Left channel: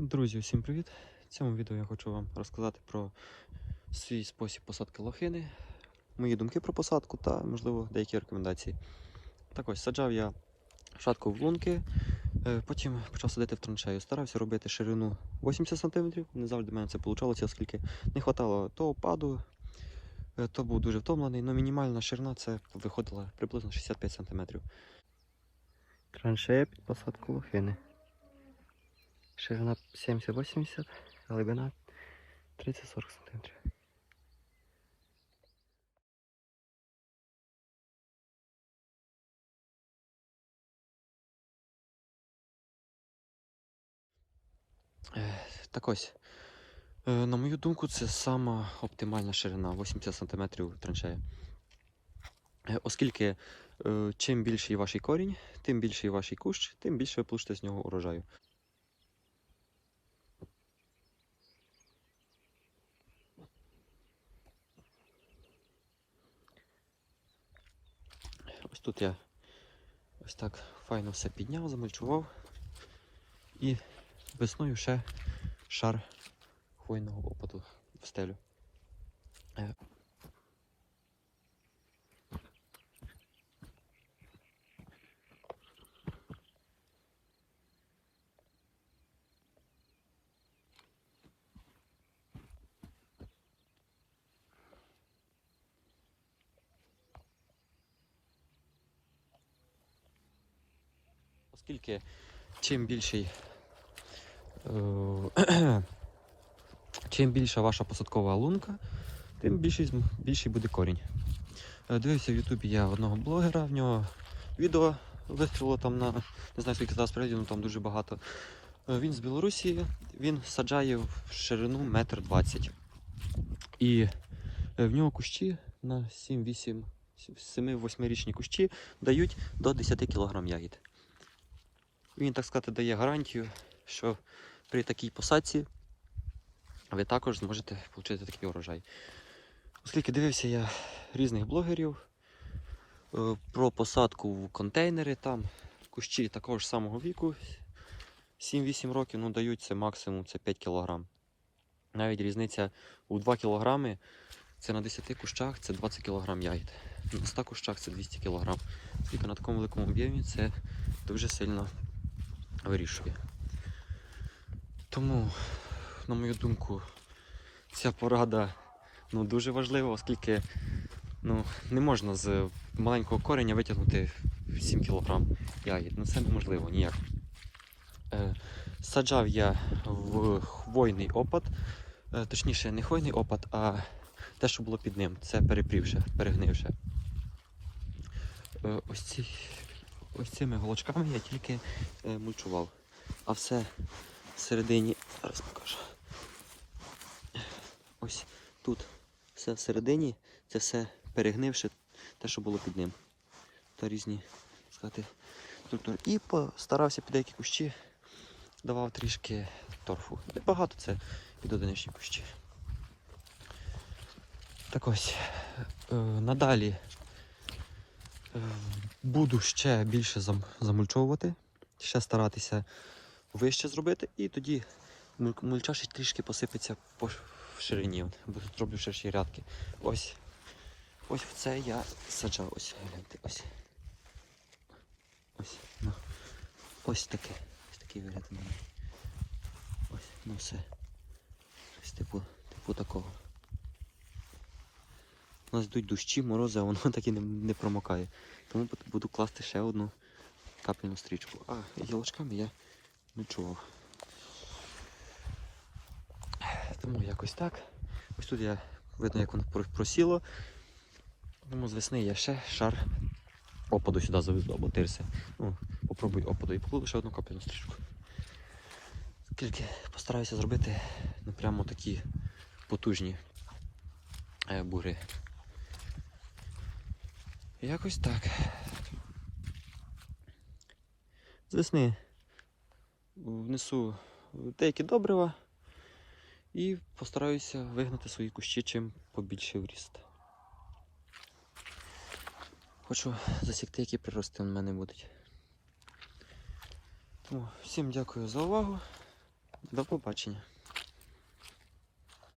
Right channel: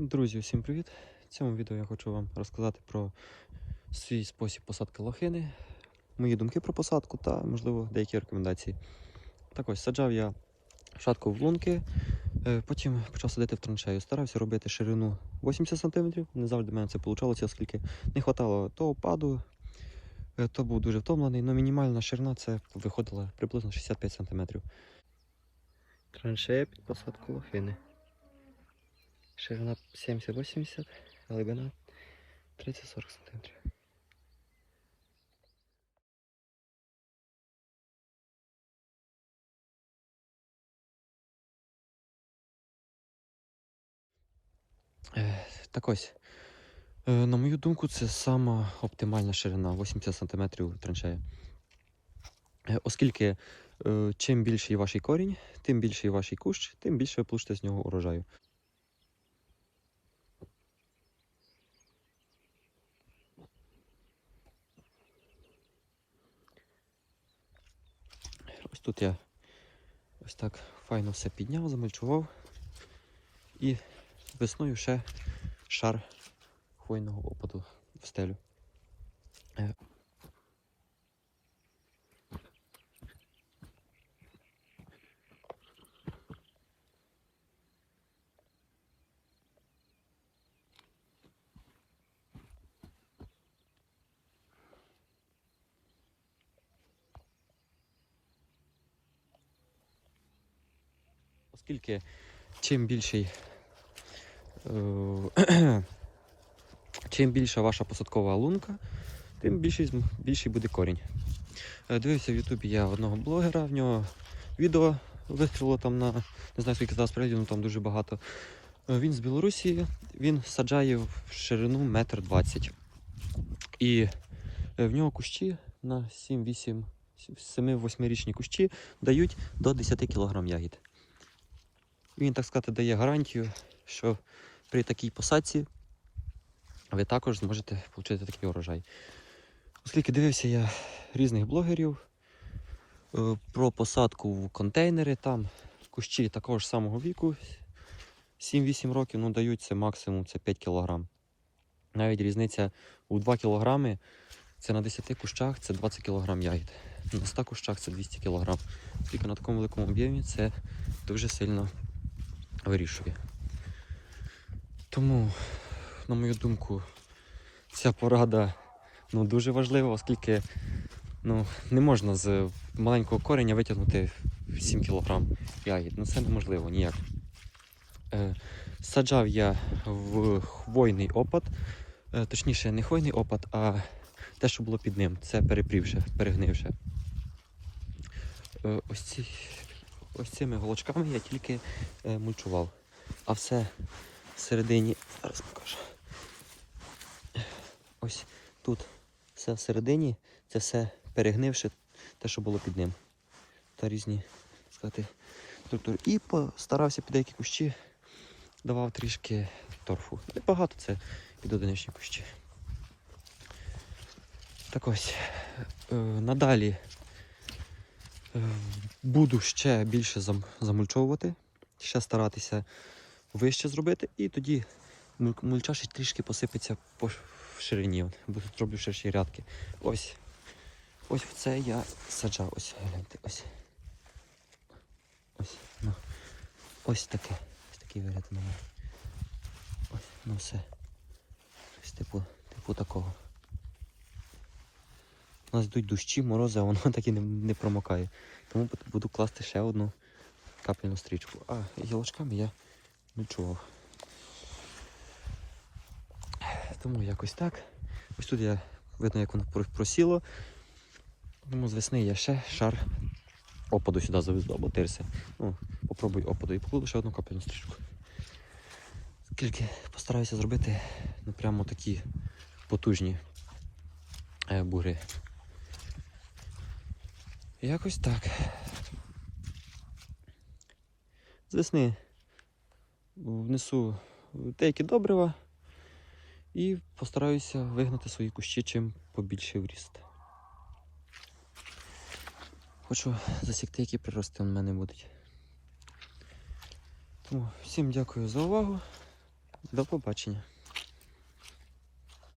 Друзі, усім привіт! В цьому відео я хочу вам розказати про свій спосіб посадки лохини, мої думки про посадку та, можливо, деякі рекомендації. Так ось саджав я шатку в лунки, е, потім почав садити в траншею. Старався робити ширину 80 см. Не завжди в мене це вийшло, оскільки не вистачало то опаду, е, то був дуже втомлений, але мінімальна ширина це виходила приблизно 65 см. Траншея під посадку лохини. Ширина 70-80, глибина 30-40 см. Так ось, е, на мою думку, це сама оптимальна ширина 80 см траншея. Оскільки е, чим більший ваш корінь, тим більший ваш кущ, тим більше ви получите з нього урожаю. Ось тут я ось так файно все підняв, замульчував. І весною ще шар хвойного опаду в стелю. Оскільки чим більший е, чим більша ваша посадкова лунка, тим більший, більший буде корінь. Е, Дивився в Ютубі я одного блогера, в нього відео вистрілило там на не знаю скільки зараз переглядів, але там дуже багато. Е, Він з Білорусі, він саджає в ширину метр двадцять. І в нього кущі на 7-8, 7-8 річні кущі дають до 10 кг ягід. Він, так сказати, дає гарантію, що при такій посадці ви також зможете отримати такий урожай. Оскільки дивився я різних блогерів е, про посадку в контейнери, там кущі такого ж самого віку, 7-8 років, ну дають це максимум це 5 кг. Навіть різниця у 2 кг це на 10 кущах це 20 кг ягід. На 100 кущах це 200 кг. Тільки на такому великому об'ємі це дуже сильно вирішує. Тому, на мою думку, ця порада ну, дуже важлива, оскільки ну, не можна з маленького кореня витягнути 7 кг ягід. Ну це неможливо ніяк. Е, саджав я в хвойний опад, е, точніше, не хвойний опад, а те, що було під ним. Це перепрівше, перегнивше. Ось, ці, ось цими голочками я тільки е, мульчував. А все всередині, зараз покажу. Ось тут все всередині, це все перегнивше, те, що було під ним. Та різні, сказати, тобто, і постарався під деякі кущі, давав трішки торфу. Небагато це під одиничні кущі. Так ось, е, надалі буду ще більше замульчовувати, ще старатися вище зробити, і тоді муль- мульча ще трішки посипеться по ширині. Зроблю ще рядки. Ось. Ось це я саджав. Ось гляньте, ось. Ось, ну. ось таке. Ось такий вигляд мене. Ось, ну все. Ось типу, типу такого. У нас йдуть дощі, морози, а воно так і не, не промокає. Тому буду класти ще одну капляну стрічку. А гілочками я не чував. Тому якось так. Ось тут я видно, як воно просіло. Тому з весни я ще шар опаду сюди завезу або тирси. Ну, попробую опаду і покладу ще одну капляну стрічку. Скільки постараюся зробити ну, прямо такі потужні е, бури. Якось так. З весни внесу деякі добрива і постараюся вигнати свої кущі чим побільше в ріст. Хочу засікти, які прирости у мене будуть. Тому всім дякую за увагу. До побачення.